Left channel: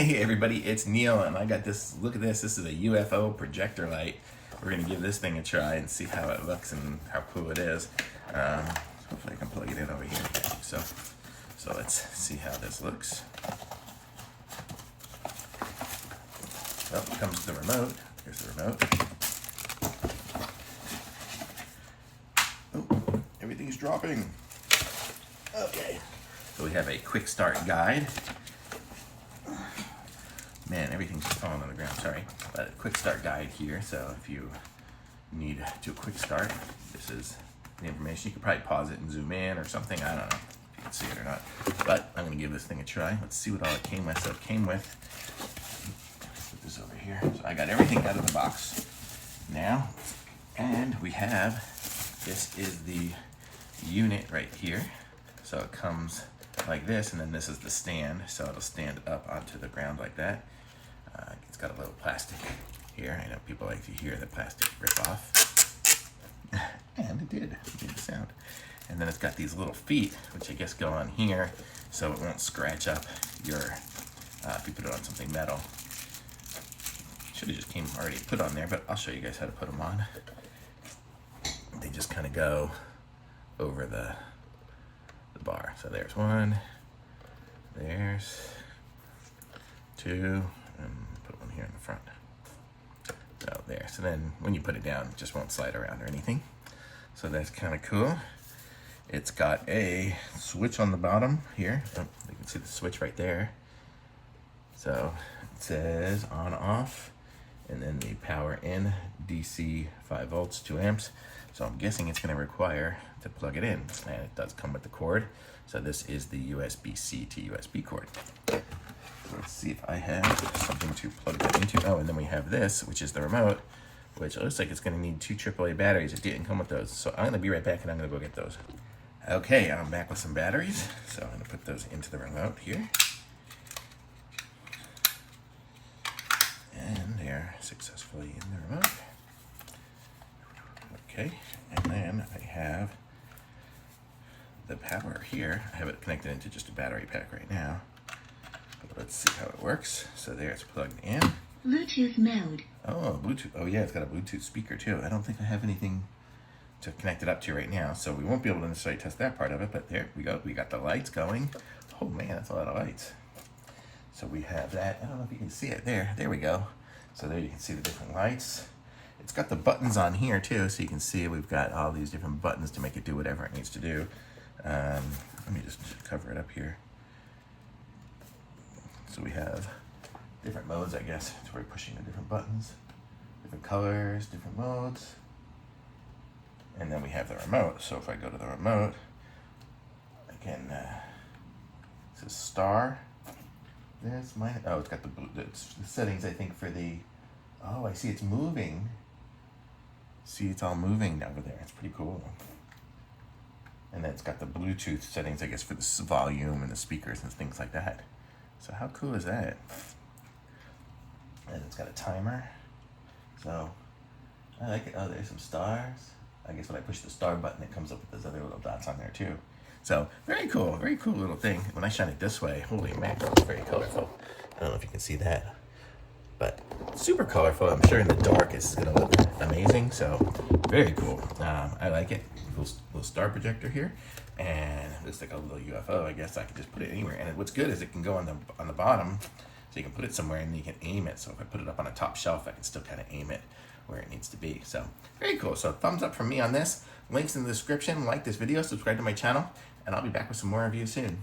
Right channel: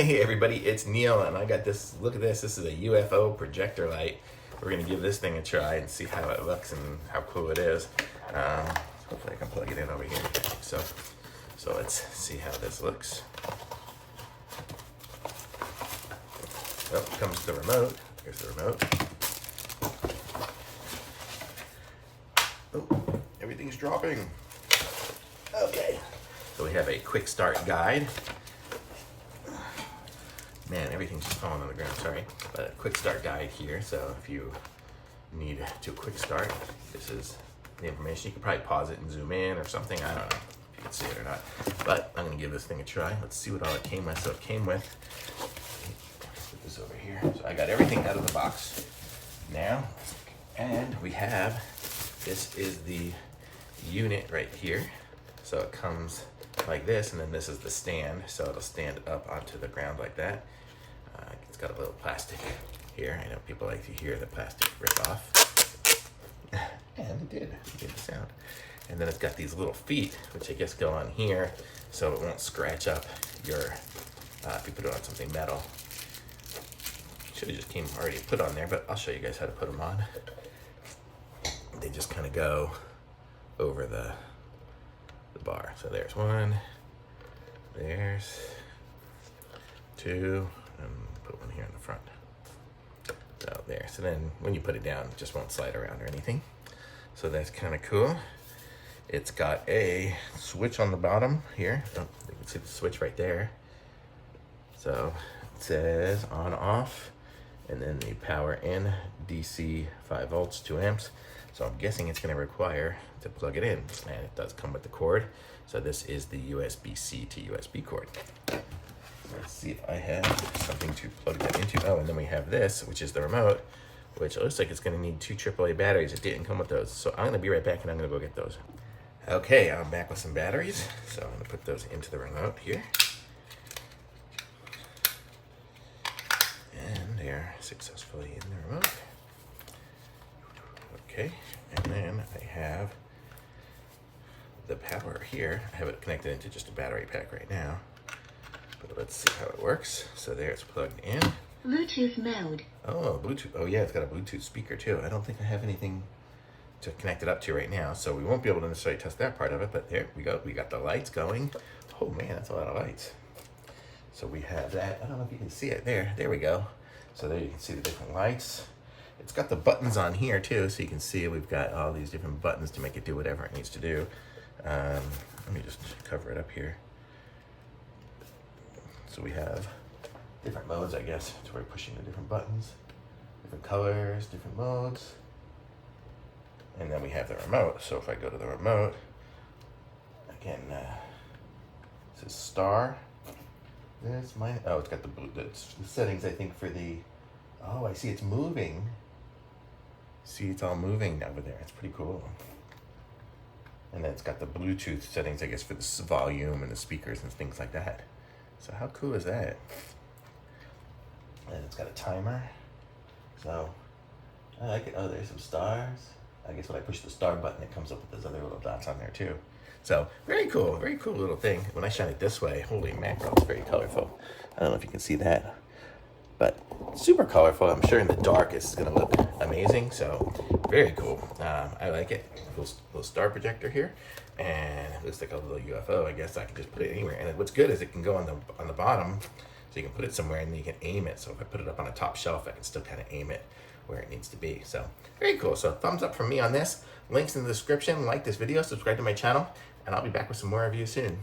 Hey everybody, it's Neil and I got this, look at this, this is a UFO projector light. We're gonna give this thing a try and see how it looks and how cool it is. Hopefully I can plug it in over here. So let's see how this looks. Oh, comes the remote. Here's the remote. Oh, everything's dropping. Okay, so we have a quick start guide. Man, everything's just falling on the ground, sorry. But a quick start guide here, so if you need to do a quick start, this is the information. You could probably pause it and zoom in or something, I don't know if you can see it or not. But I'm gonna give this thing a try. Let's see what all it came with. So it came with, put this over here. So I got everything out of the box now. And we have, this is the unit right here. So it comes like this, and then this is the stand, so it'll stand up onto the ground like that. It's got a little plastic here. I know people like to hear the plastic rip off. And it did the sound. And then it's got these little feet, which I guess go on here, so it won't scratch up your, if you put it on something metal. Should have just came already put on there, but I'll show you guys how to put them on. They just kind of go over the bar. So there's one, there's two, and put one here in the front. So there, so then when you put it down, it just won't slide around or anything. So that's kind of cool. It's got a switch on the bottom here. Oh, you can see the switch right there. So it says on off, and then the power in, DC 5 volts, 2 amps. So I'm guessing it's gonna require to plug it in, and it does come with the cord. So this is the USB-C to USB cord. Let's see if I have something to plug that into. Oh, and then we have this, which is the remote, which looks like it's gonna need 2 AAA batteries. It didn't come with those. So I'm gonna be right back and I'm gonna go get those. Okay, I'm back with some batteries. So I'm gonna put those into the remote here. And they're successfully in the remote. Okay, and then I have the power here. I have it connected into just a battery pack right now. But let's see how it works. So there, it's plugged in. Bluetooth mode. Oh, Bluetooth. Oh yeah, it's got a Bluetooth speaker too. I don't think I have anything to connect it up to right now, so we won't be able to necessarily test that part of it, but there we go. We got the lights going. Oh man, that's a lot of lights. So we have that. I don't know if you can see it there. There we go. So there you can see the different lights. It's got the buttons on here too, so you can see we've got all these different buttons to make it do whatever it needs to do. Let me just cover it up here. So we have different modes, I guess, to where we're pushing the different buttons, different colors, different modes. And then we have the remote. So if I go to the remote, again, it says star. There's mine. Oh, it's got the settings, I think, for the, oh, I see it's moving. See, it's all moving over there. It's pretty cool. And then it's got the Bluetooth settings, I guess, for the volume and the speakers and things like that. So how cool is that? And it's got a timer. So I like it. Oh, there's some stars. I guess when I push the star button, it comes up with those other little dots on there too. So very cool little thing. When I shine it this way, holy mackerel, it's very colorful. I don't know if you can see that, but super colorful. I'm sure in the dark it's gonna look amazing. So very cool. I like it. Little star projector here, and it looks like a little UFO. I guess I can just put it anywhere. And what's good is it can go on the bottom, so you can put it somewhere and you can aim it. So if I put it up on a top shelf, I can still kind of aim it where it needs to be. So very cool. So thumbs up from me on this. Links in the description. Like this video, subscribe to my channel, and I'll be back with some more reviews soon.